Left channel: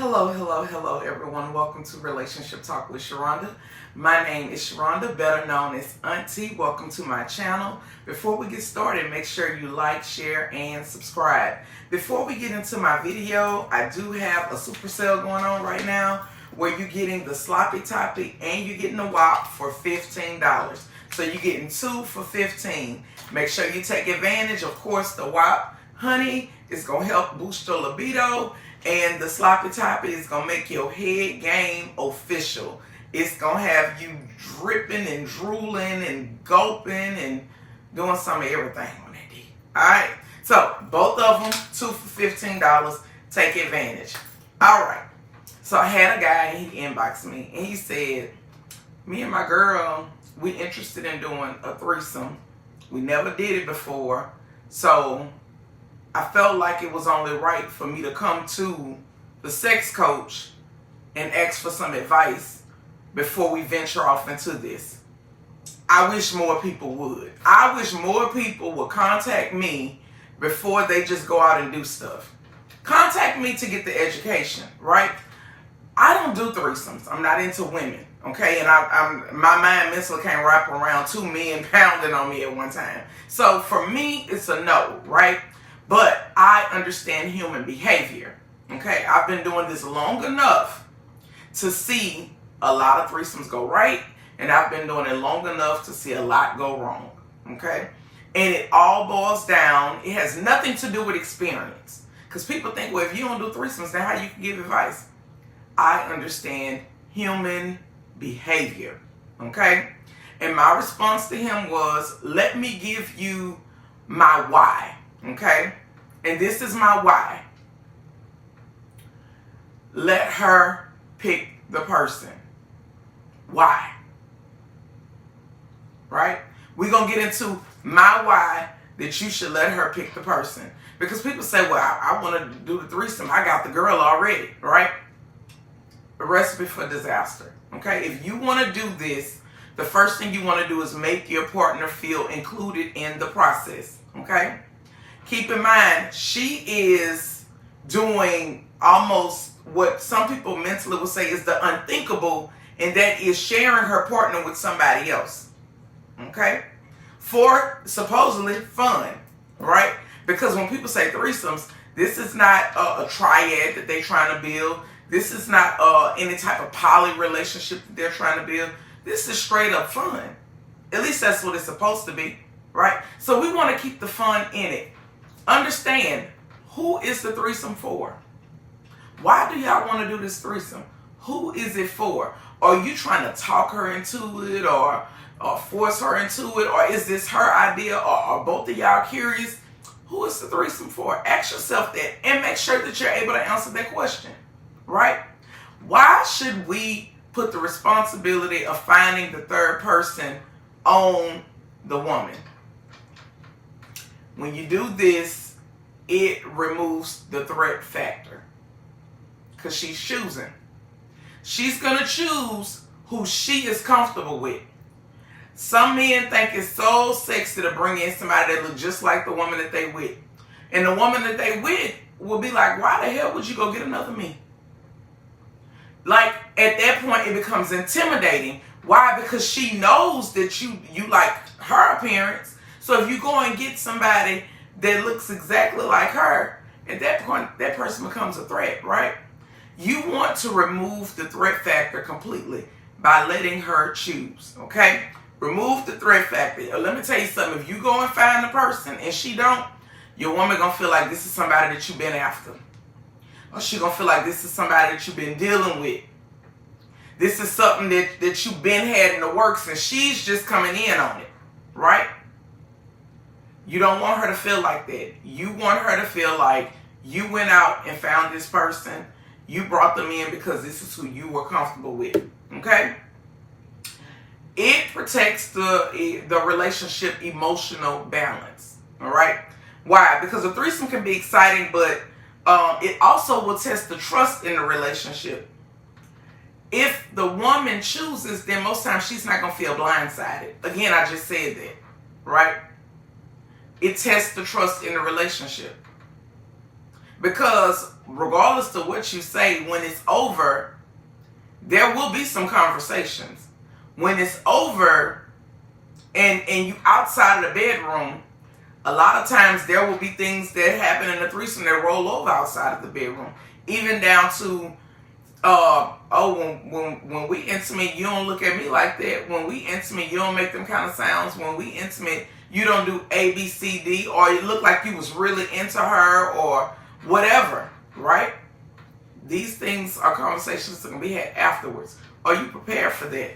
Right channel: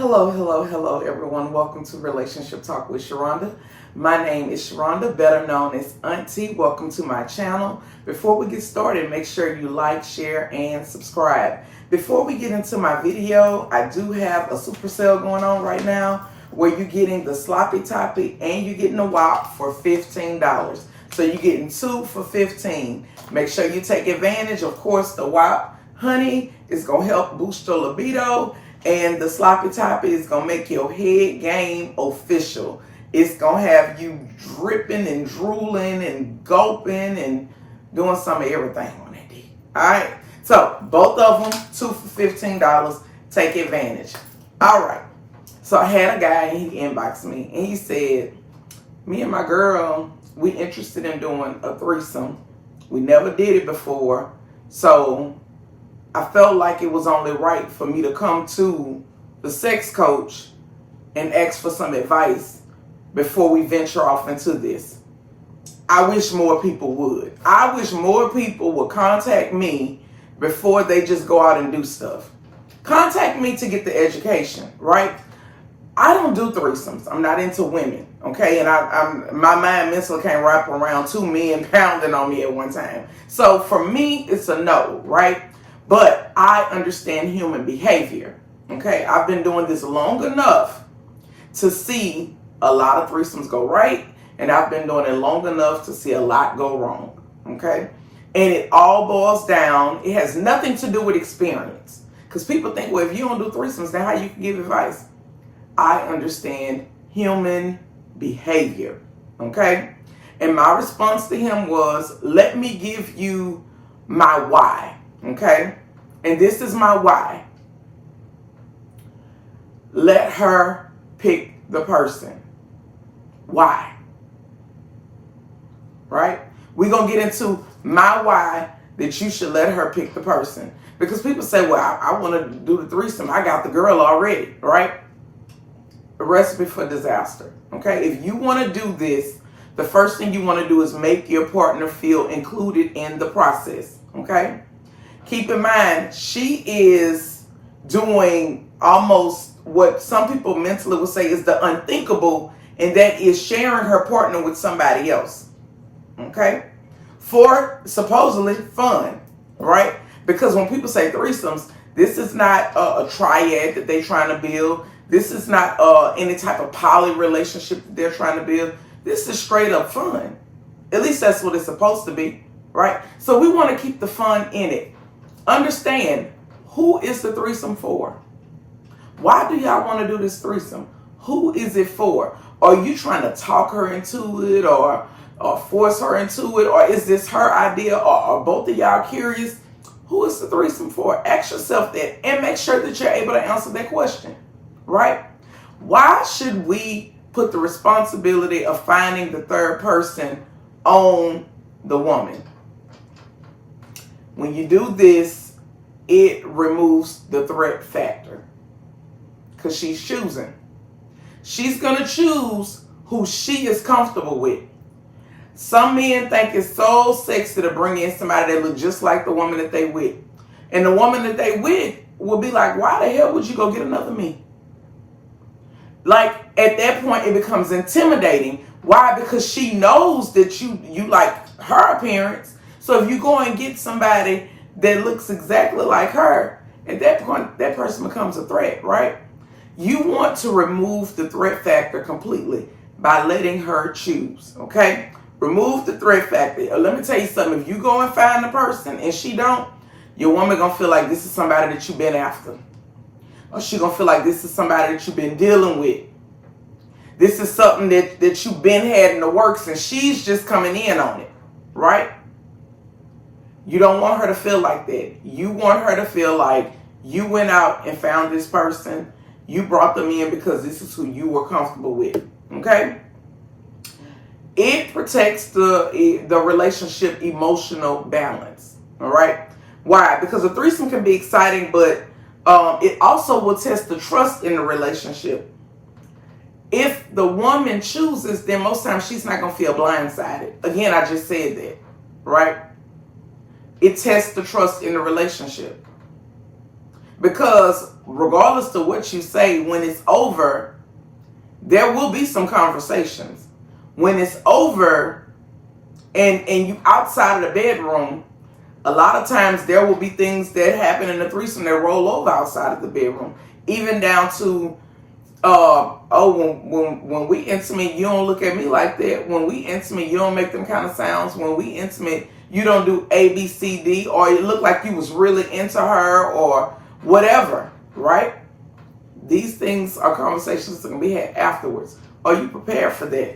Hello, everyone. Welcome to Relationship Talk with Sharonda. My name is Sharonda, better known as Auntie. Welcome to my channel. Before we get started, make sure you like, share, and subscribe. Before we get into my video, I do have a super sale going on right now where you're getting the sloppy toppy and you're getting the WAP for $15. So you're getting two for $15. Make sure you take advantage. Of course, the WAP, honey, is going to help boost your libido. And the sloppy toppy is going to make your head game official. It's going to have you dripping and drooling and gulping and doing some of everything on that D. Alright? So, both of them, two for $15. Take advantage. Alright. So, I had a guy, and he inboxed me, and he said, me and my girl, we interested in doing a threesome. We never did it before. So, I felt like it was only right for me to come to the sex coach and ask for some advice before we venture off into this. I wish more people would. I wish more people would contact me before they just go out and do stuff. Contact me to get the education, right? I don't do threesomes. I'm not into women, okay? And my mind mentally can't wrap around two men pounding on me at one time. So for me, it's a no, right? But I understand human behavior, okay? I've been doing this long enough to see a lot of threesomes go right, and I've been doing it long enough to see a lot go wrong, okay? And it all boils down, it has nothing to do with experience. Because people think, well, if you don't do threesomes, then how you can give advice? I understand human behavior, okay? And my response to him was, let me give you my why. Okay? And this is my why. Let her pick the person. Why? Right? We're going to get into my why that you should let her pick the person. Because people say, well, I want to do the threesome. I got the girl already. Right? A recipe for disaster. Okay? If you want to do this, the first thing you want to do is make your partner feel included in the process. Okay? Keep in mind, she is doing almost what some people mentally would say is the unthinkable, and that is sharing her partner with somebody else. Okay? For supposedly fun, right? Because when people say threesomes, this is not a triad that they're trying to build. This is not any type of poly relationship that they're trying to build. This is straight up fun. At least that's what it's supposed to be, right? So we want to keep the fun in it. Understand, who is the threesome for? Why do y'all want to do this threesome? Who is it for? Are you trying to talk her into it or force her into it? Or is this her idea? Or are both of y'all curious? Who is the threesome for? Ask yourself that and make sure that you're able to answer that question, right? Why should we put the responsibility of finding the third person on the woman? When you do this, it removes the threat factor. Because she's choosing. She's going to choose who she is comfortable with. Some men think it's so sexy to bring in somebody that looks just like the woman that they with. And the woman that they with will be like, why the hell would you go get another me? Like, at that point, it becomes intimidating. Why? Because she knows that you like her appearance. So if you go and get somebody that looks exactly like her, at that point, that person becomes a threat, right? You want to remove the threat factor completely by letting her choose, okay? Remove the threat factor. Let me tell you something. If you go and find the person and she don't, your woman going to feel like this is somebody that you've been after. Or she going to feel like this is somebody that you've been dealing with. This is something that you've been had in the works and she's just coming in on it, right? You don't want her to feel like that. You want her to feel like you went out and found this person. You brought them in because this is who you were comfortable with. Okay? It protects the relationship emotional balance. All right? Why? Because a threesome can be exciting, but it also will test the trust in the relationship. If the woman chooses, then most times she's not going to feel blindsided. Again, I just said that. Right? It tests the trust in the relationship. Because regardless of what you say, when it's over, there will be some conversations. When it's over and you outside of the bedroom, a lot of times there will be things that happen in the threesome that roll over outside of the bedroom. Even down to, when we intimate, you don't look at me like that. When we intimate, you don't make them kind of sounds. When we intimate, you don't do A, B, C, D, or it looked like you was really into her or whatever, right? These things are conversations that can be had afterwards. Are you prepared for that?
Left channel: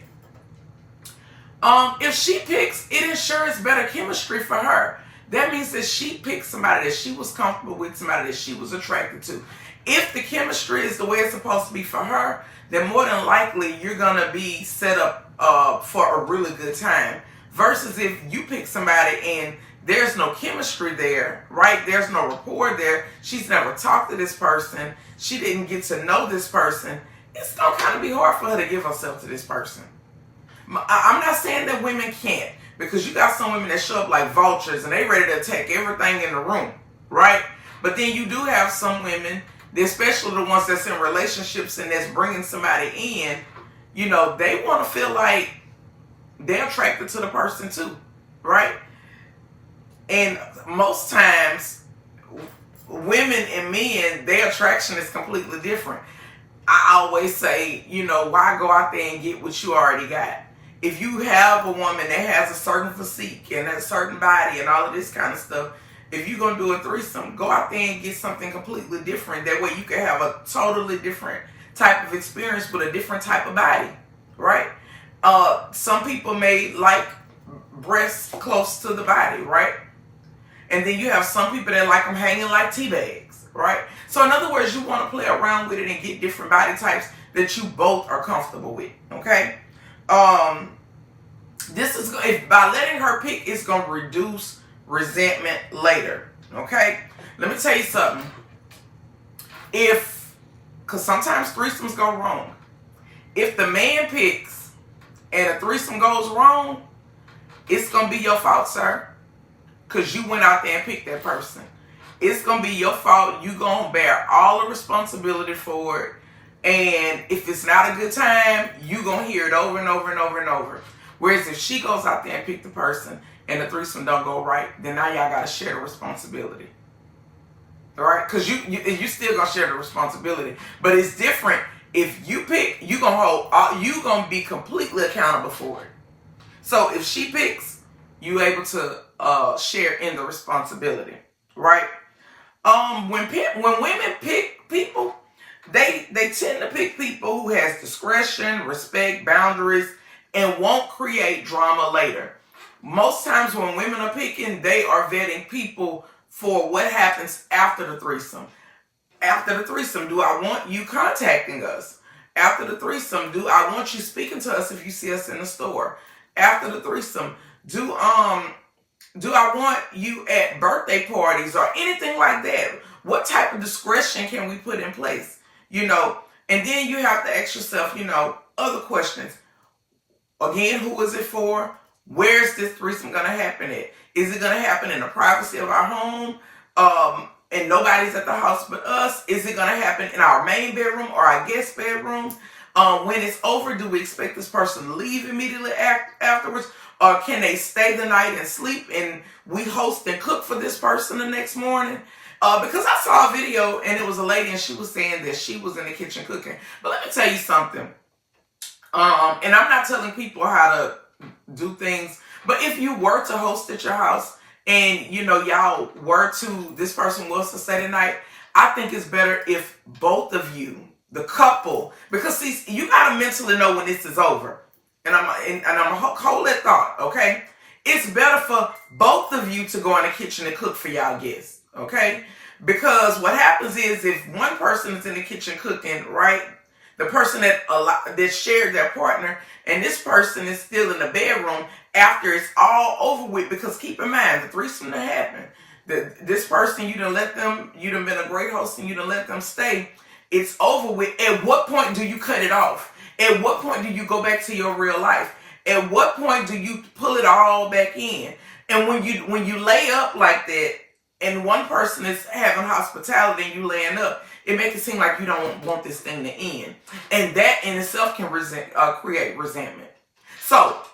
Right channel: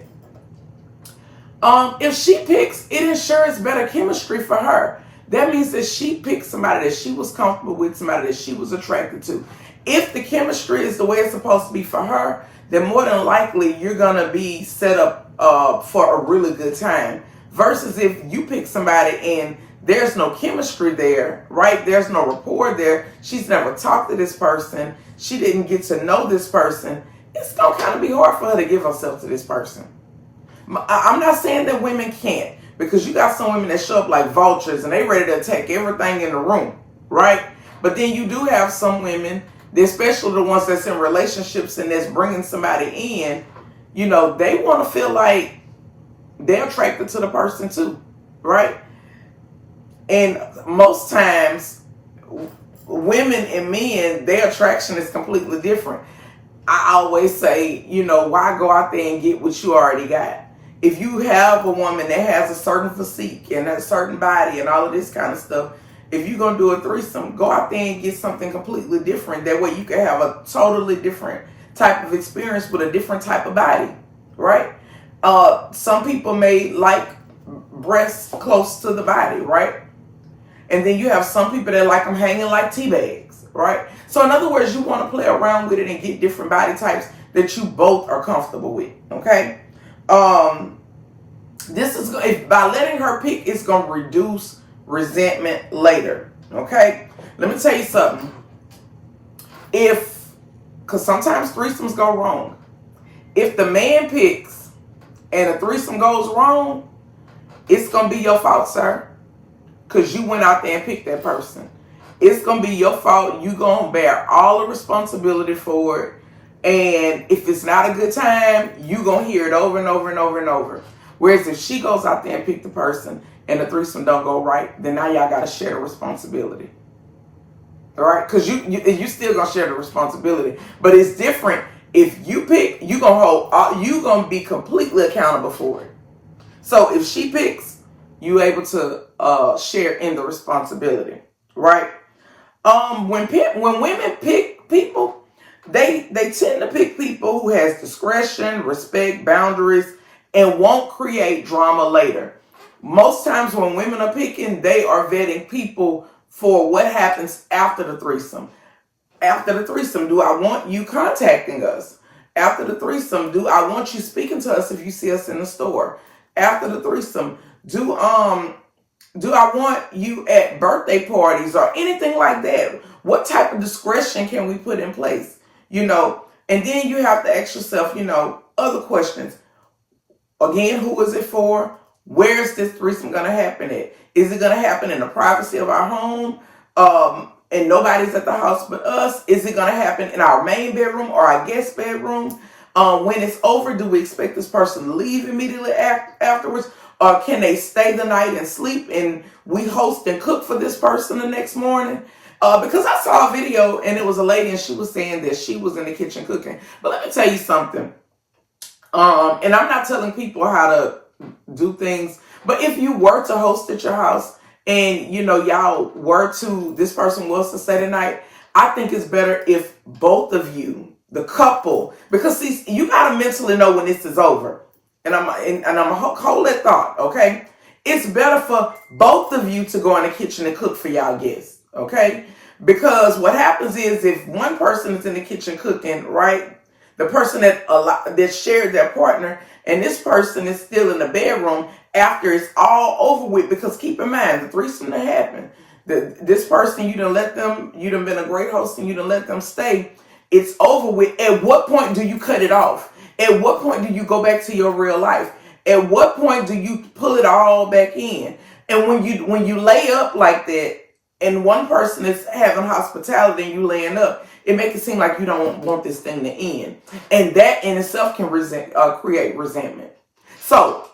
If she picks, it ensures better chemistry for her. That means that she picked somebody that she was comfortable with, somebody that she was attracted to. If the chemistry is the way it's supposed to be for her, then more than likely you're going to be set up for a really good time. Versus if you pick somebody and there's no chemistry there, right? There's no rapport there. She's never talked to this person. She didn't get to know this person. It's going to kind of be hard for her to give herself to this person. I'm not saying that women can't, because you got some women that show up like vultures and they ready to attack everything in the room, right? But then you do have some women, especially the ones that's in relationships and that's bringing somebody in, you know, they want to feel like they're attracted to the person too, right? And most times, women and men, their attraction is completely different. I always say, you know, why go out there and get what you already got? If you have a woman that has a certain physique and a certain body and all of this kind of stuff, if you're going to do a threesome, go out there and get something completely different. That way you can have a totally different type of experience with a different type of body, right? Some people may like breasts close to the body, right? And then you have some people that like them hanging like tea bags, right? So in other words, you want to play around with it and get different body types that you both are comfortable with, okay? This is, if by letting her pick, it's going to reduce resentment later, okay? Let me tell you something. Because sometimes threesomes go wrong. If the man picks and a threesome goes wrong, it's going to be your fault, sir. Because you went out there and picked that person. It's going to be your fault. You're going to bear all the responsibility for it. And if it's not a good time, you're going to hear it over and over and over and over. Whereas if she goes out there and pick the person and the threesome don't go right, then now y'all got to share the responsibility. All right? Because you still going to share the responsibility. But it's different. If you pick, you're going to be completely accountable for it. So if she picks, you able to share in the responsibility, right? When women pick people, they tend to pick people who has discretion, respect, boundaries, and won't create drama later. Most times when women are picking, they are vetting people for what happens after the threesome. After the threesome, do I want you contacting us? After the threesome, do I want you speaking to us if you see us in the store? After the threesome, do I want you at birthday parties or anything like that? What type of discretion can we put in place? You know, and then you have to ask yourself, you know, other questions. Again, who is it for? Where is this threesome going to happen at? Is it going to happen in the privacy of our home? And nobody's at the house but us? Is it going to happen in our main bedroom or our guest bedroom? When it's over, do we expect this person to leave immediately afterwards? Or can they stay the night and sleep and we host and cook for this person the next morning? Because I saw a video and it was a lady and she was saying that she was in the kitchen cooking. But let me tell you something. And I'm not telling people how to do things. But if you were to host at your house and, you know, y'all were to, this person was to stay the night, I think it's better if both of you, the couple, because see, you got to mentally know when this is over. And I'm gonna hold that thought, okay? It's better for both of you to go in the kitchen and cook for y'all guests, okay? Because what happens is if one person is in the kitchen cooking, right? The person that shared their partner and this person is still in the bedroom after it's all over with, because keep in mind, the threesome that happened, this person, you done been a great host and you done let them stay. It's over with. At what point do you cut it off? At what point do you go back to your real life? At what point do you pull it all back in? And when you lay up like that and one person is having hospitality and you laying up, it makes it seem like you don't want this thing to end. And that in itself can create resentment. So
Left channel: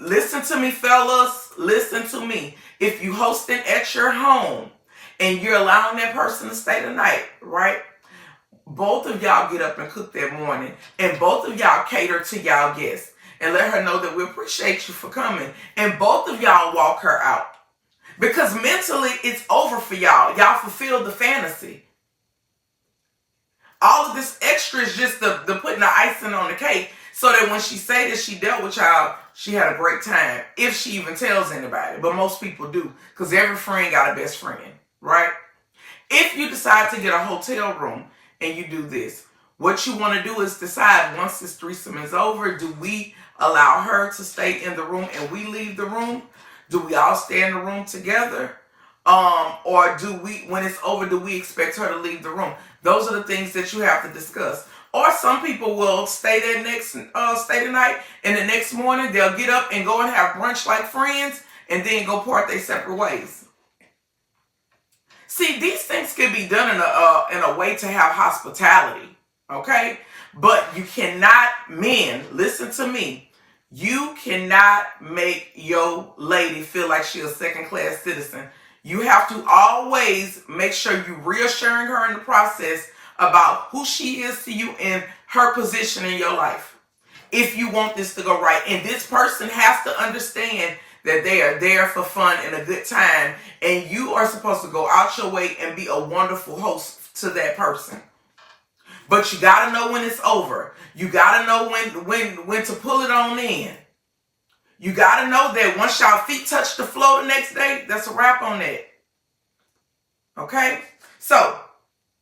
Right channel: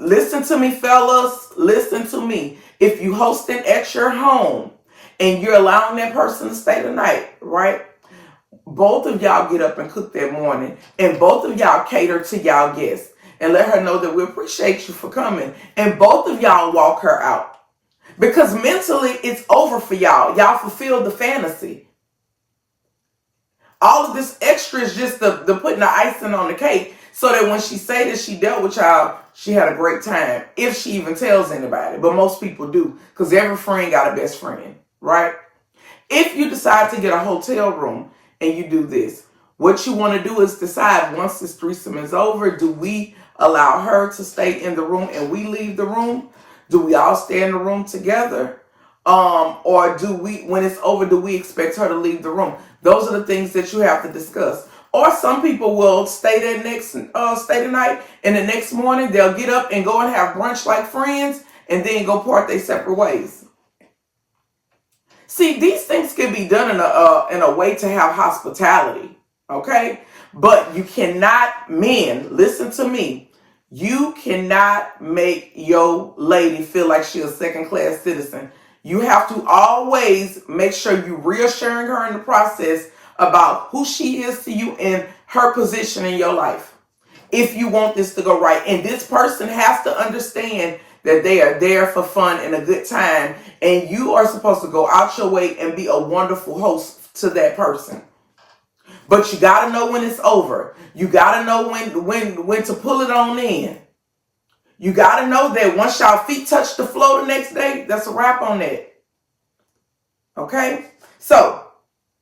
listen to me, fellas. Listen to me. If you hosting at your home and you're allowing that person to stay the night, right? Both of y'all get up and cook that morning, and both of y'all cater to y'all guests and let her know that we appreciate you for coming. And both of y'all walk her out. Because mentally, it's over for y'all. Y'all fulfilled the fantasy. All of this extra is just the putting the icing on the cake so that when she say that she dealt with y'all, she had a great time. If she even tells anybody. But most people do. Because every friend got a best friend. Right? If you decide to get a hotel room and you do this, what you want to do is decide once this threesome is over, do we allow her to stay in the room and we leave the room? Do we all stay in the room together? Or do we, when it's over, do we expect her to leave the room? Those are the things that you have to discuss. Or some people will stay the night, and the next morning they'll get up and go and have brunch like friends, and then go part their separate ways. See, these things can be done in a way to have hospitality, okay? But you cannot, men, listen to me. You cannot make your lady feel like she's a second-class citizen. You have to always make sure you're reassuring her in the process about who she is to you and her position in your life. If you want this to go right. And this person has to understand that they are there for fun and a good time. And you are supposed to go out your way and be a wonderful host to that person. But you got to know when it's over. You got to know when to pull it on in. You got to know that once y'all feet touch the floor the next day, that's a wrap on that. Okay? So,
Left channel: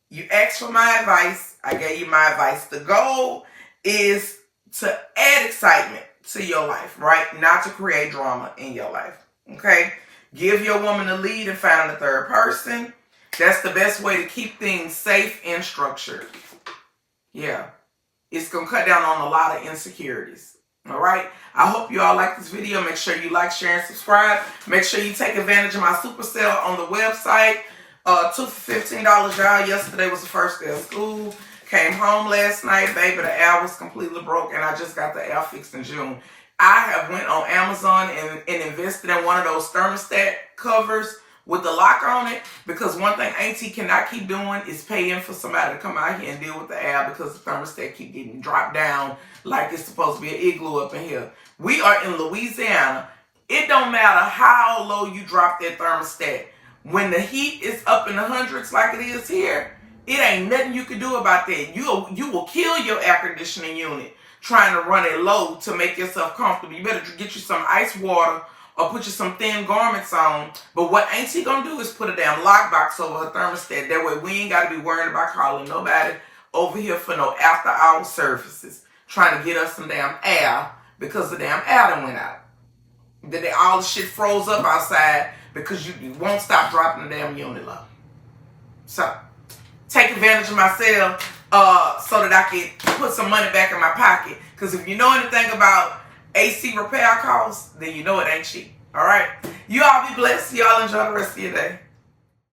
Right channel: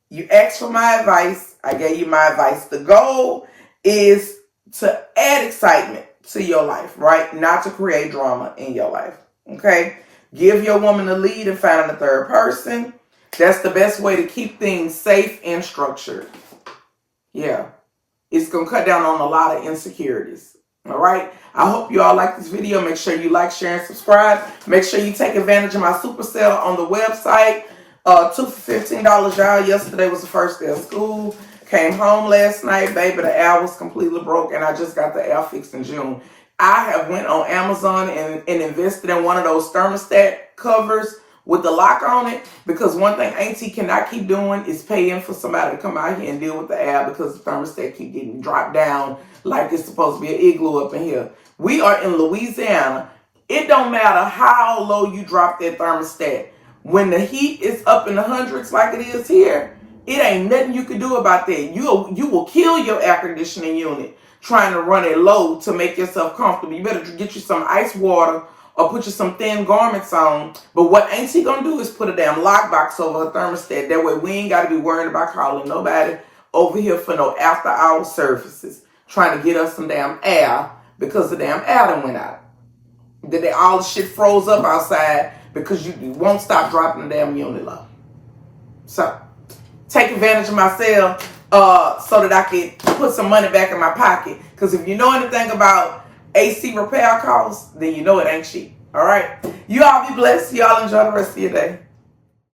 you asked for my advice. I gave you my advice. The goal is to add excitement to your life, right? Not to create drama in your life. Okay? Give your woman the lead and find a third person. That's the best way to keep things safe and structured. Yeah. It's going to cut down on a lot of insecurities. All right? I hope you all like this video. Make sure you like, share, and subscribe. Make sure you take advantage of my super sale on the website. 2 for $15, y'all. Yesterday was the first day of school. Came home last night. Baby, the air was completely broke, and I just got the air fixed in June. I have went on Amazon and invested in one of those thermostat covers with the lock on it, because one thing Auntie cannot keep doing is paying for somebody to come out here and deal with the air because the thermostat keep getting dropped down like it's supposed to be an igloo up in here. We are in Louisiana. It don't matter how low you drop that thermostat. When the heat is up in the hundreds like it is here, it ain't nothing you can do about that. You will kill your air conditioning unit trying to run it low to make yourself comfortable. You better get you some ice water or put you some thin garments on. But what ain't she gonna do is put a damn lockbox over her thermostat. That way we ain't gotta be worried about calling nobody over here for no after hour services trying to get us some damn air because the damn air done went out. All the shit froze up outside because you won't stop dropping the damn unit low. So take advantage of my sale so that I can put some money back in my pocket. Because if you know anything about AC repair costs, then you know it ain't cheap. All right? You all be blessed. Y'all enjoy the rest of your day.